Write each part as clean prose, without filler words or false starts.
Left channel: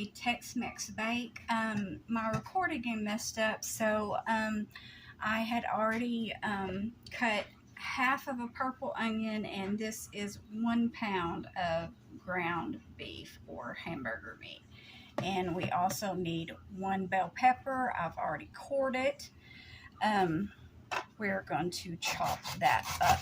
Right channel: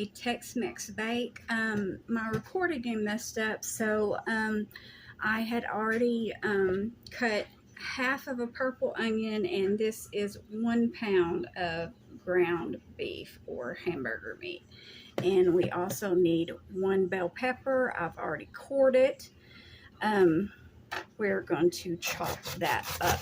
a TexMex Bake. My recording game messed up, so I had already cut half of a purple onion, and this is 1 pound of ground beef or hamburger meat. And we also need 1 bell pepper. I've already cored it. We're going to chop that up.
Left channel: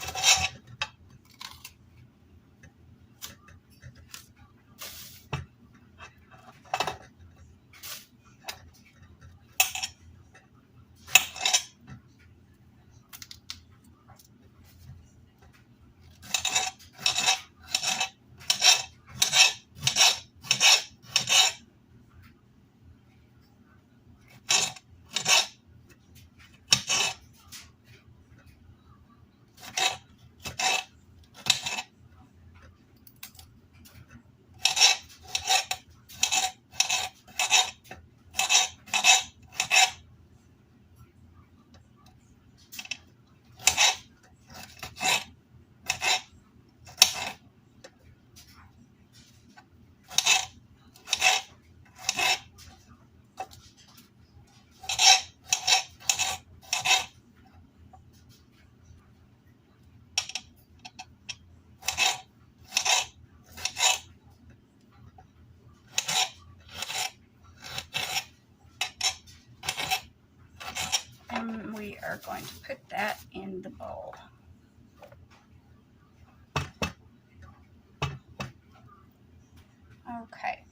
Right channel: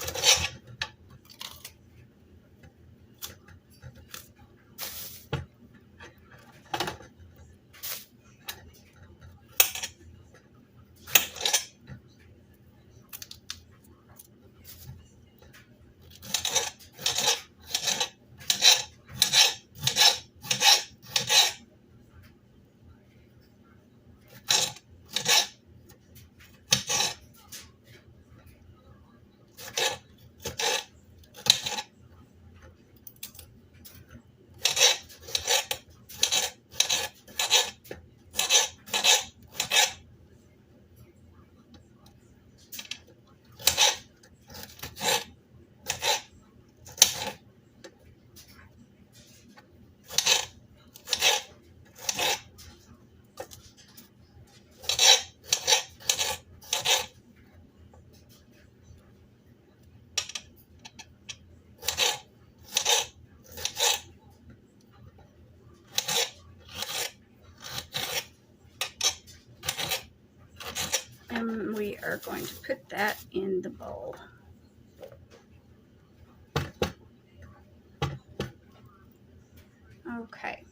And we are going to put that in the bowl. Okay,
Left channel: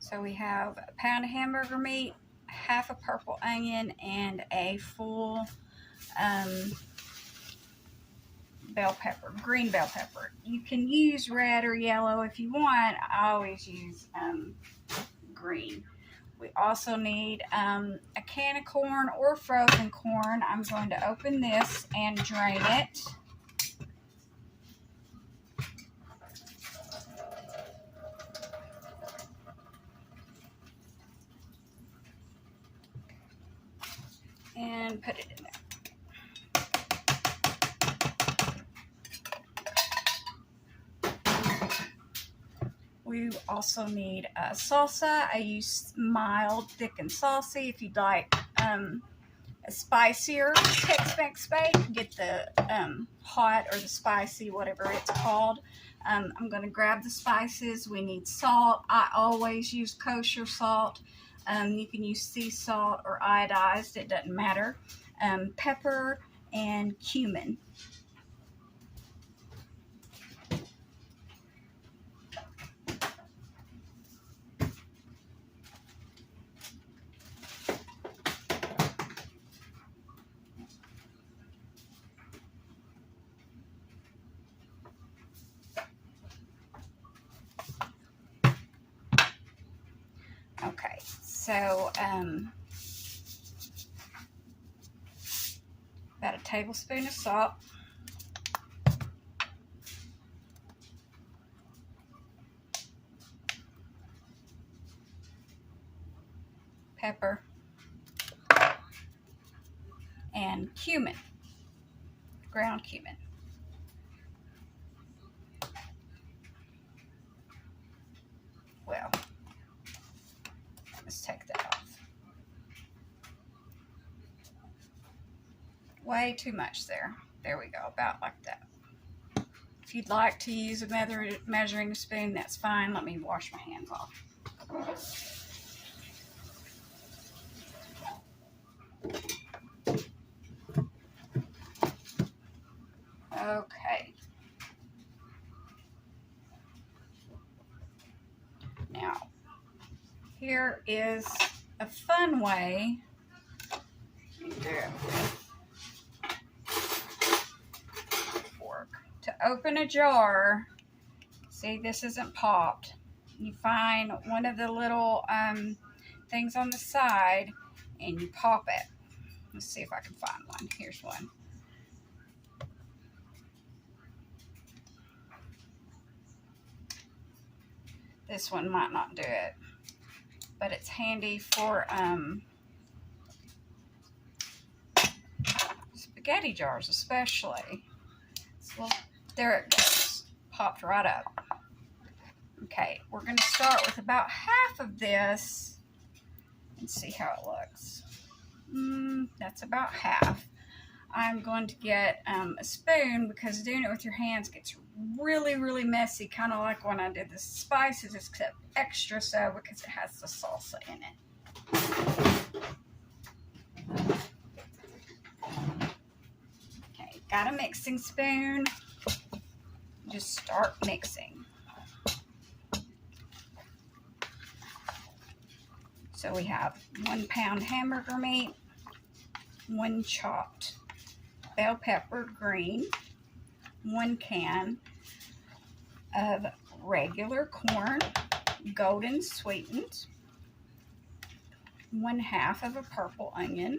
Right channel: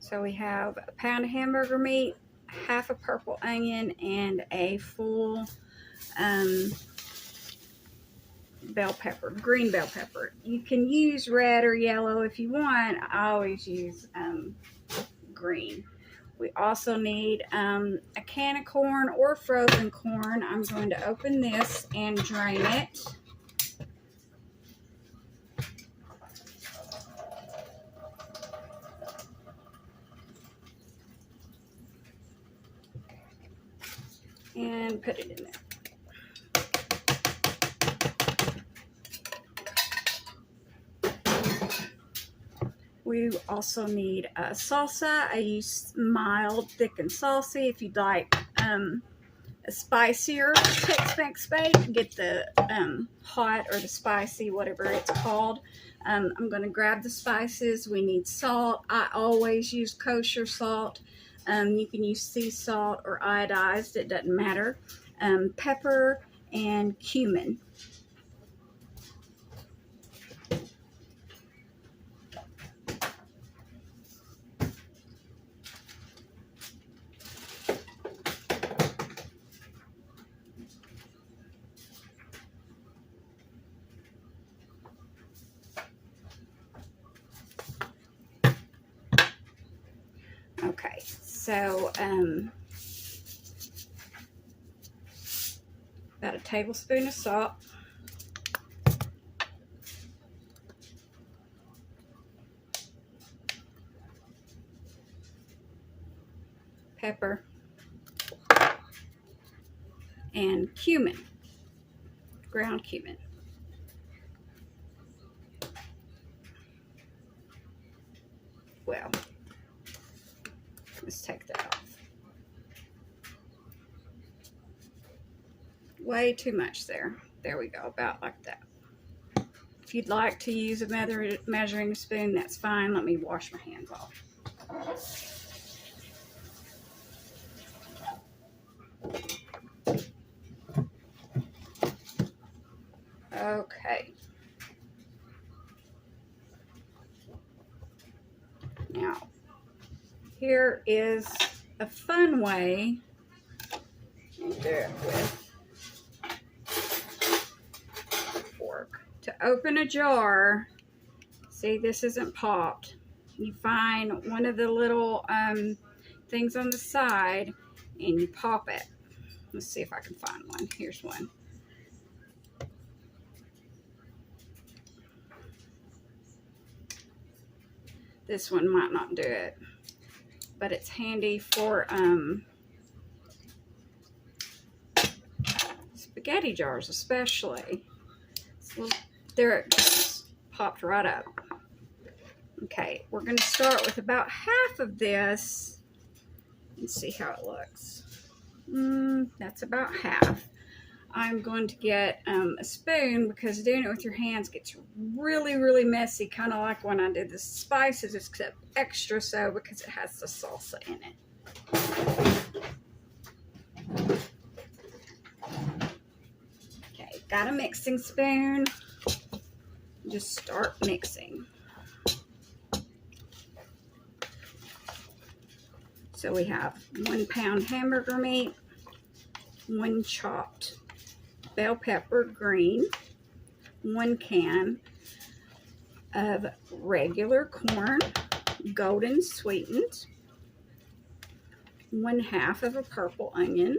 so we have a pound of hamburger meat, half a purple onion, and a full bell pepper, green bell pepper. You can use red or yellow if you want. I always use green. We also need a can of corn or frozen corn. I'm going to open this and drain it. And put it in there. We also need salsa. I use mild, thick, and saucy. If you'd like a spicier TexMex Bake, get the hot or the spicy, whatever it's called. I'm going to grab the spices. We need salt. I always use kosher salt. You can use sea salt or iodized. It doesn't matter. Pepper and cumin. Okay, so about a tablespoon of salt, pepper, and cumin, ground cumin. Well, let's take that off. Way too much there. There we go, about like that. If you'd like to use a measuring spoon, that's fine. Let me wash my hands off. Okay. Now, here is a fun way to do it with fork. To open a jar, see, this isn't popped. You find one of the little things on the side and you pop it. Let's see if I can find one. Here's one. This one might not do it, but it's handy for spaghetti jars especially. So there it goes, popped right up. Okay, we're going to start with about half of this and see how it looks. That's about half. I'm going to get a spoon because doing it with your hands gets really, really messy, kind of like when I did the spices, except extra so because it has the salsa in it. Okay, got a mixing spoon. Just start mixing. So we have 1 pound hamburger meat, 1 chopped bell pepper green, 1 can of regular corn, golden sweetened, 1/2 of a purple onion,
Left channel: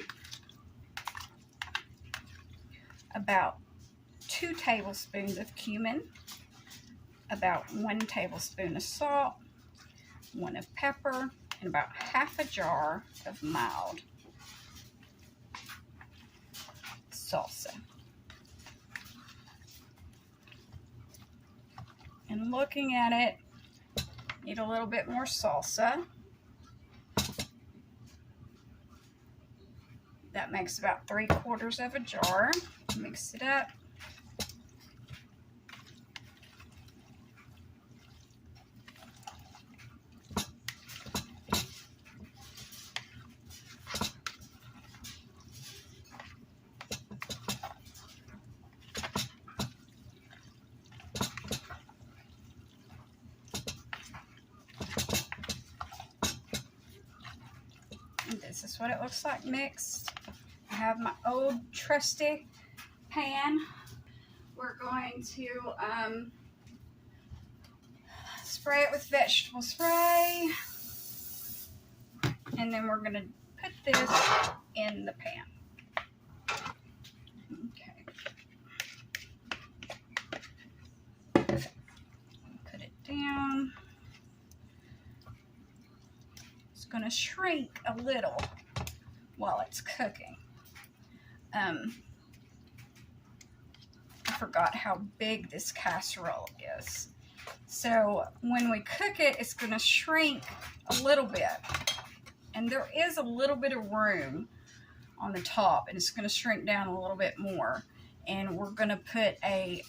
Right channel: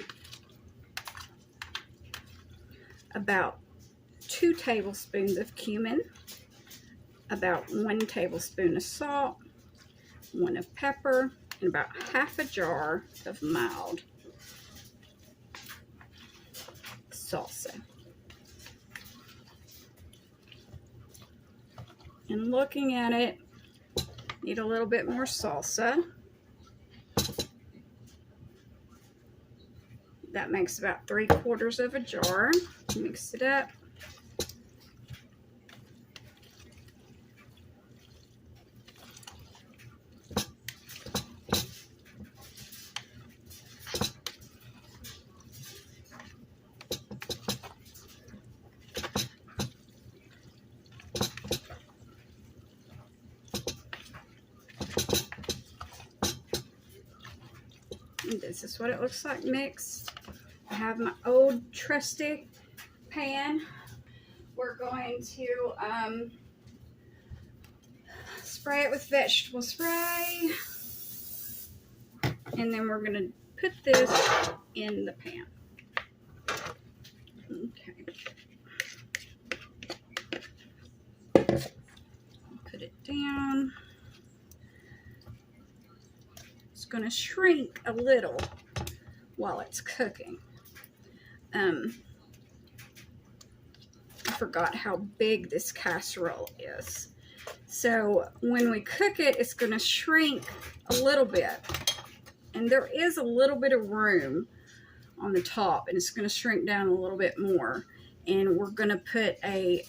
about 2 tablespoons of cumin, about 1 tablespoon of salt, 1 of pepper, and about 1/2 a jar of mild salsa. And looking at it, need a little bit more salsa. That makes about 3/4 of a jar. Mix it up. This is what it looks like mixed. I have my old trusty pan. We're going to spray it with vegetable spray, and then we're going to put this in the pan. Okay. Put it down. Going to shrink a little while it's cooking. I forgot how big this casserole is. So when we cook it, it's going to shrink a little bit. And there is a little bit of room on the top, and it's going to shrink down a little bit more. And we're going to put a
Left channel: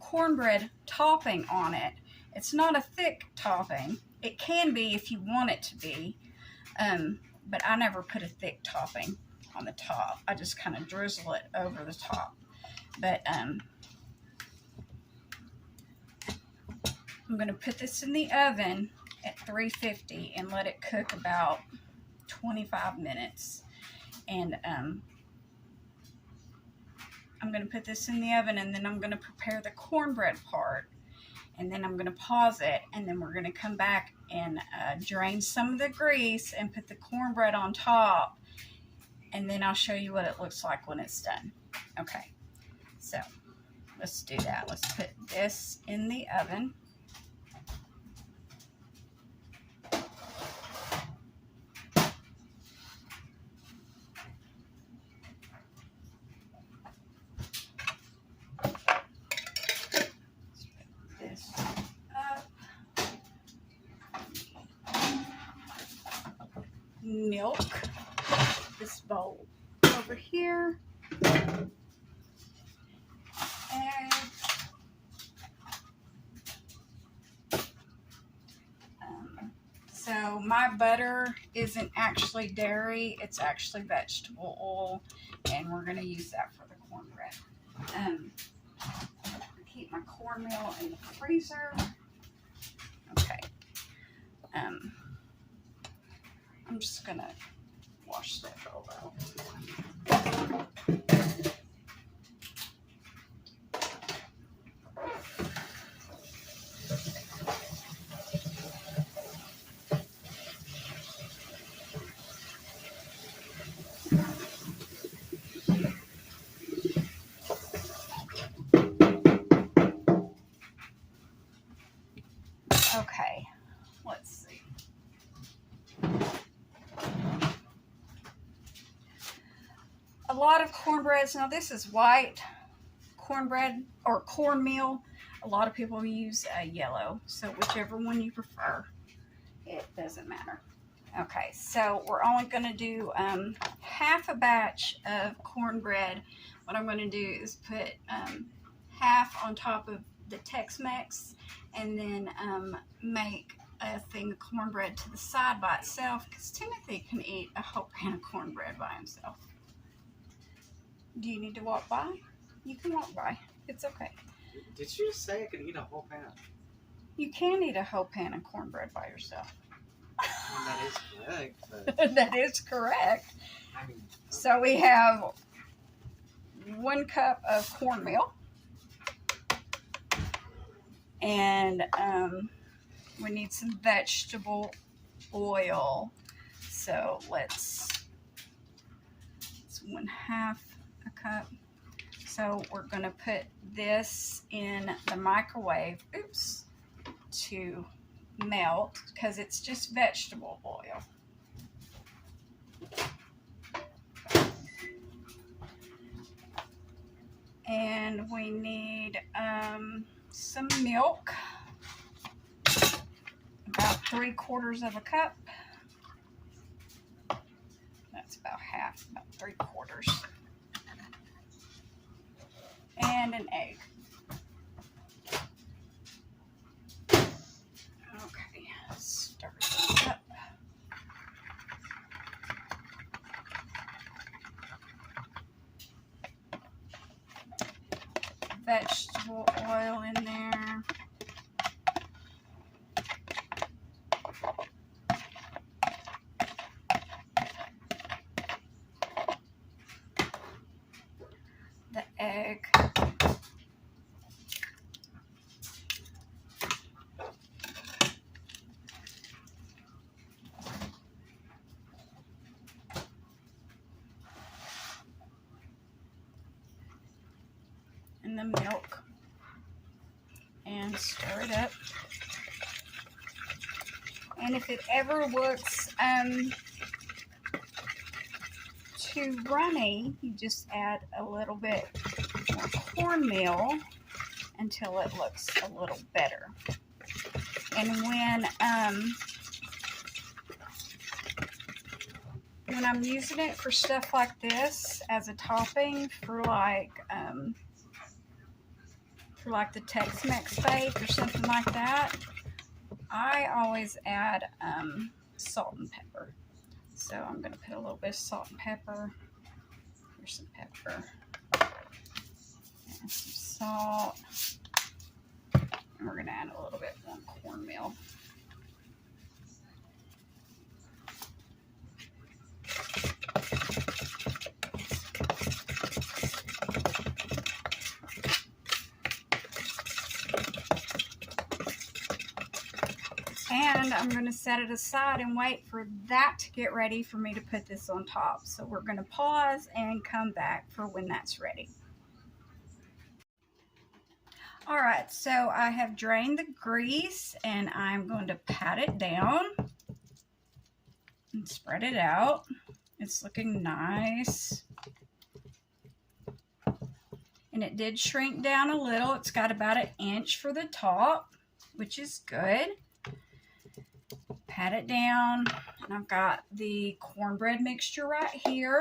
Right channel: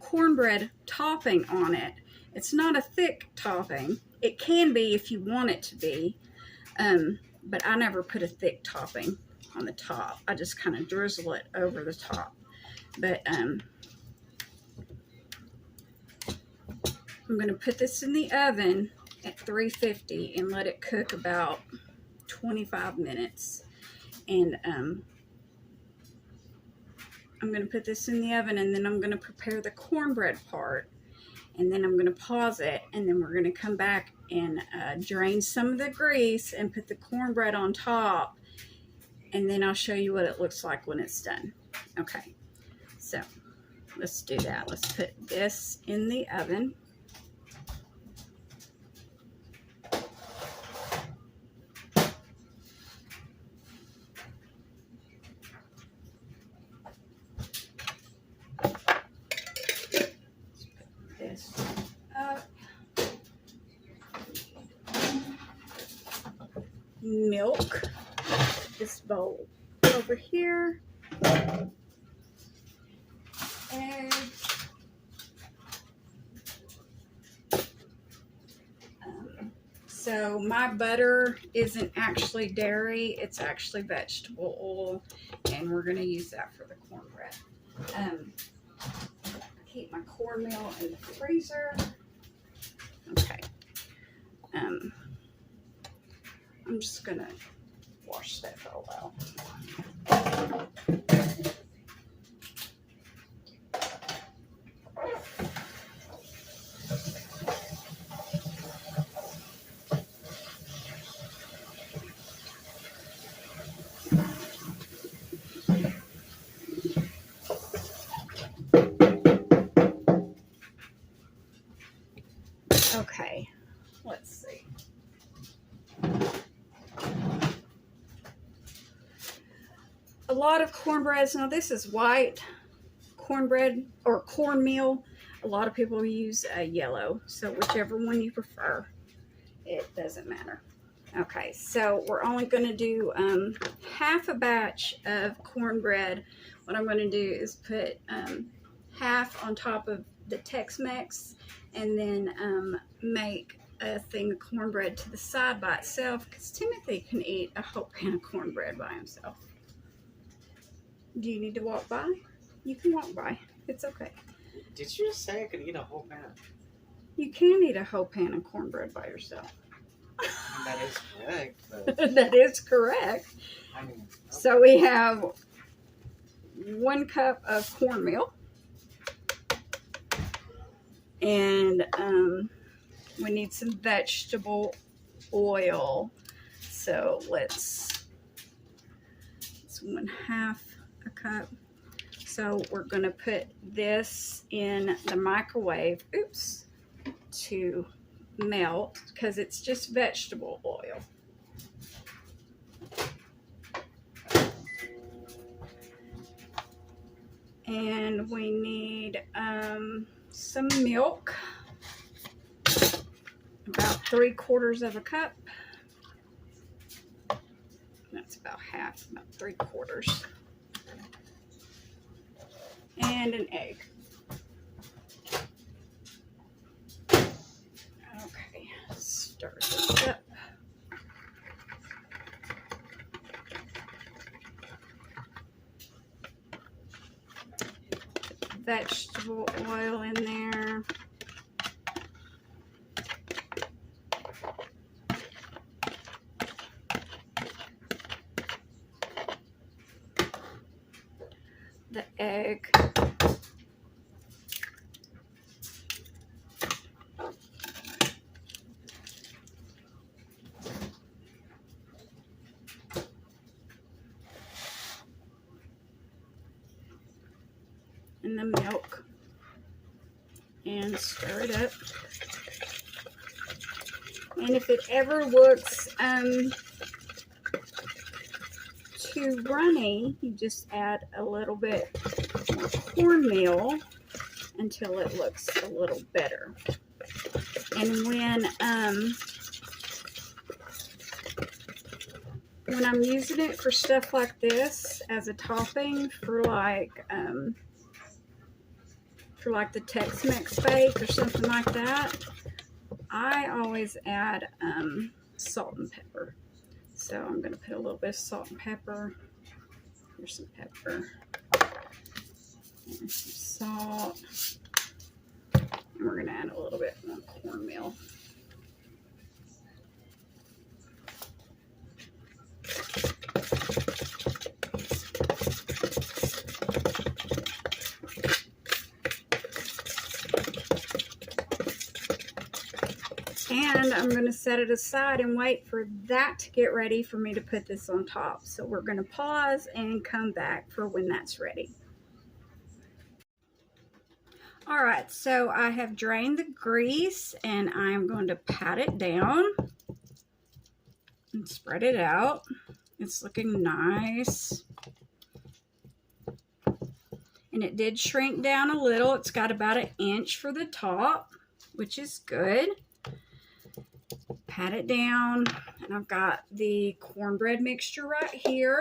cornbread topping on it. It's not a thick topping. It can be if you want it to be. But I never put a thick topping on the top. I just kind of drizzle it over the top. But I'm going to put this in the oven at 350 and let it cook about 25 minutes. And I'm going to put this in the oven, and then I'm going to prepare the cornbread part. And then I'm going to pause it, and then we're going to come back and drain some of the grease and put the cornbread on top, and then I'll show you what it looks like when it's done. Okay, so let's do that. Let's put this in the oven. Milk, this bowl over here, eggs, so my butter isn't actually dairy, it's actually vegetable oil, and we're going to use that for the cornbread. Keep my cornmeal in the freezer. Okay. I'm just gonna wash that bowl out. Okay, let's see. A lot of cornbreads, now this is white cornbread or cornmeal. A lot of people use yellow, so whichever one you prefer, it doesn't matter. Okay, so we're only going to do half a batch of cornbread. What I'm going to do is put half on top of the Tex-Mex, and then make a thing of cornbread to the side by itself, because Timothy can eat a whole pan of cornbread by himself. Do you need to walk by? You can walk by. It's okay. Did you just say I could eat a whole pan? You can eat a whole pan of cornbread by yourself. That is correct. But... That is correct. I mean, okay. So we have 1 cup of cornmeal, and we need some vegetable oil. So it's 1/2 a cup. So we're going to put this in the microwave, to melt, because it's just vegetable oil. And we need some milk, about 3/4 of a cup. That's about half, about 3/4. And an egg. Okay, start this up. Vegetable oil in there. The egg. And the milk, and stir it up. And if it ever looks too runny, you just add a little bit more cornmeal until it looks a little better. And when I'm using it for stuff like this as a topping for like the Tex-Mex Bake or something like that, I always add salt and pepper. So I'm going to put a little bit of salt and pepper. Here's some pepper. There's some salt. And we're going to add a little bit more cornmeal. And I'm going to set it aside and wait for that to get ready for me to put this on top. So we're going to pause and come back for when that's ready. All right, so I have drained the grease and I'm going to pat it down and spread it out. It's looking nice. And it did shrink down a little. It's got about 1 inch for the top, which is good. Pat it down, and I've got the cornbread mixture right here,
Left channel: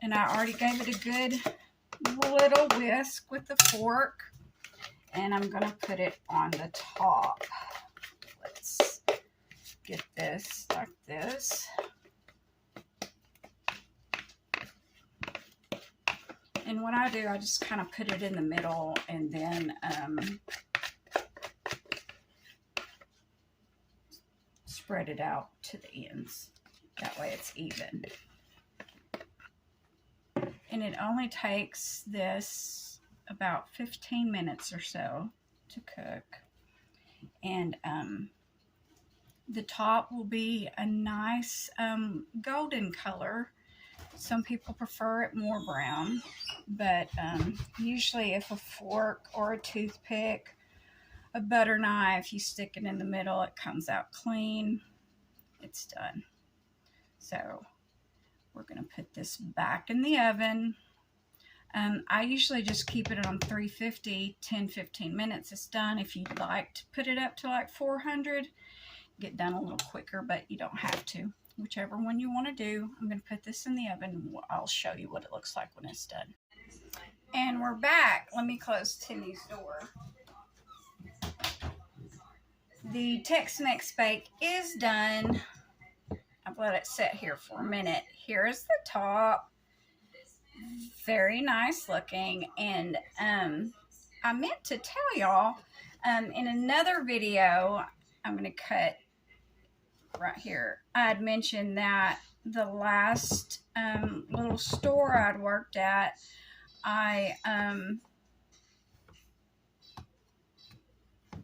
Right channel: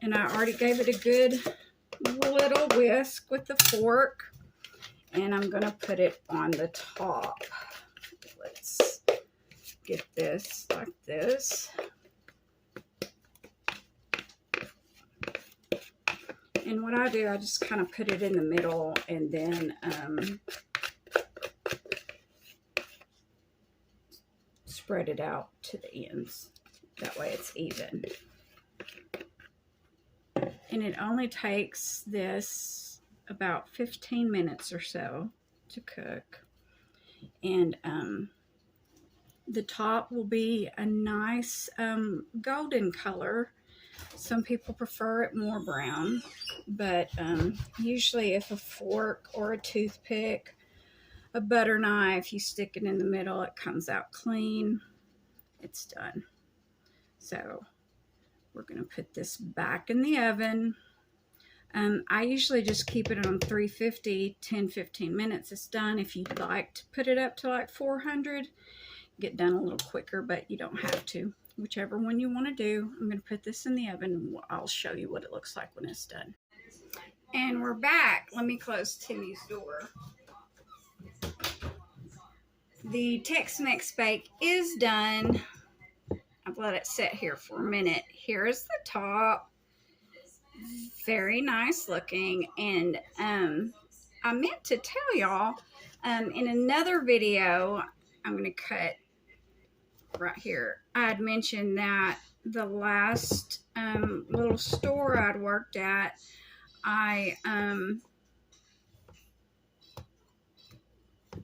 and I already gave it a good little whisk with the fork, and I'm going to put it on the top. Let's get this like this. And what I do, I just kind of put it in the middle, and then spread it out to the ends. That way it's even. And it only takes this about 15 minutes or so to cook. And the top will be a nice golden color. Some people prefer it more brown, but usually if a fork or a toothpick, a butter knife, you stick it in the middle, it comes out clean. It's done. So we're going to put this back in the oven I usually just keep it on 350, 10-15 minutes. It's done. If you'd like to put it up to like 400, get done a little quicker, but you don't have to. Whichever one you want to do. I'm going to put this in the oven. I'll show you what it looks like when it's done. And we're back. Let me close Timmy's door. The Tex-Mex Bake is done. I've let it sit here for a minute. Here is the top. Very nice looking. And I meant to tell y'all in another video, I'm going to cut right here. I had mentioned that the last little store I'd worked at, I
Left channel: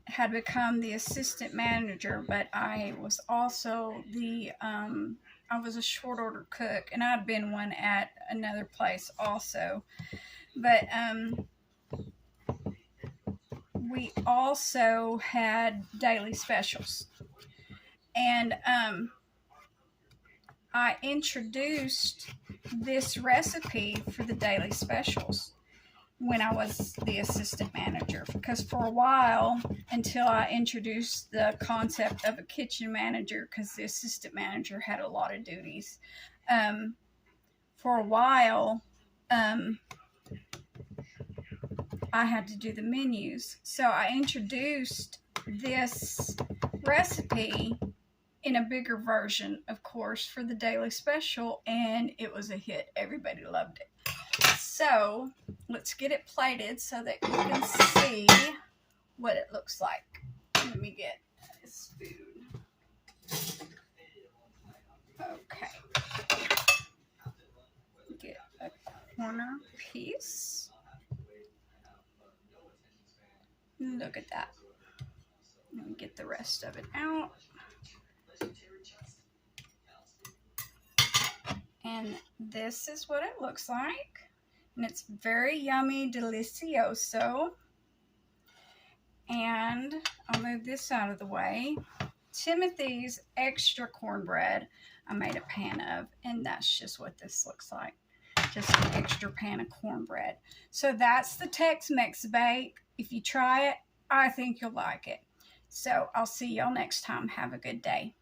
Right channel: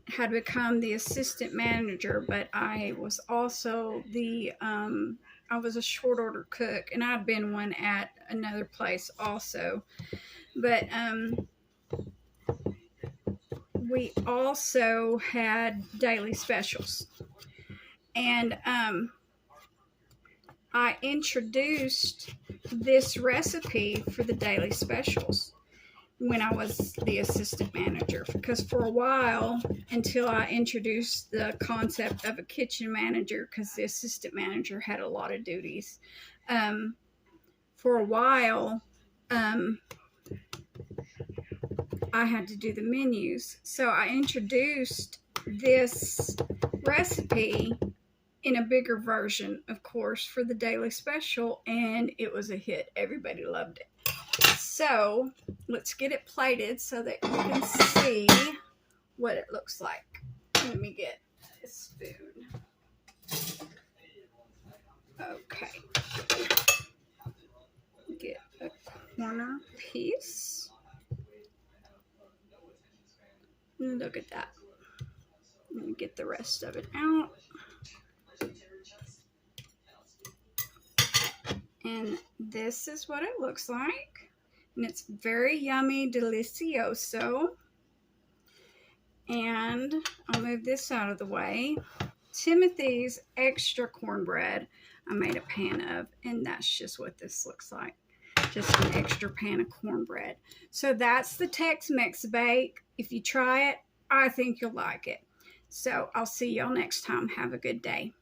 had become the assistant manager, but I was also the I was a short order cook, and I'd been one at another place also. But we also had daily specials, and I introduced this recipe for the daily specials when I was the assistant manager, because for a while, until I introduced the concept of a kitchen manager, because the assistant manager had a lot of duties, for a while I had to do the menus. So I introduced this recipe in a bigger version, of course, for the daily special, and it was a hit. Everybody loved it. So let's get it plated so that you can see what it looks like. Let me get a spoon. Okay. Get a corner piece. Look at that. Let me get the rest of it out. And this is what it looks like. And it's very yummy, delicioso. And I'll move this out of the way. Timothy's extra cornbread I made a pan of, and that's just what this looks like. Just an extra pan of cornbread. So that's the Tex-Mex Bake. If you try it, I think you'll like it. So I'll see y'all next time. Have a good day.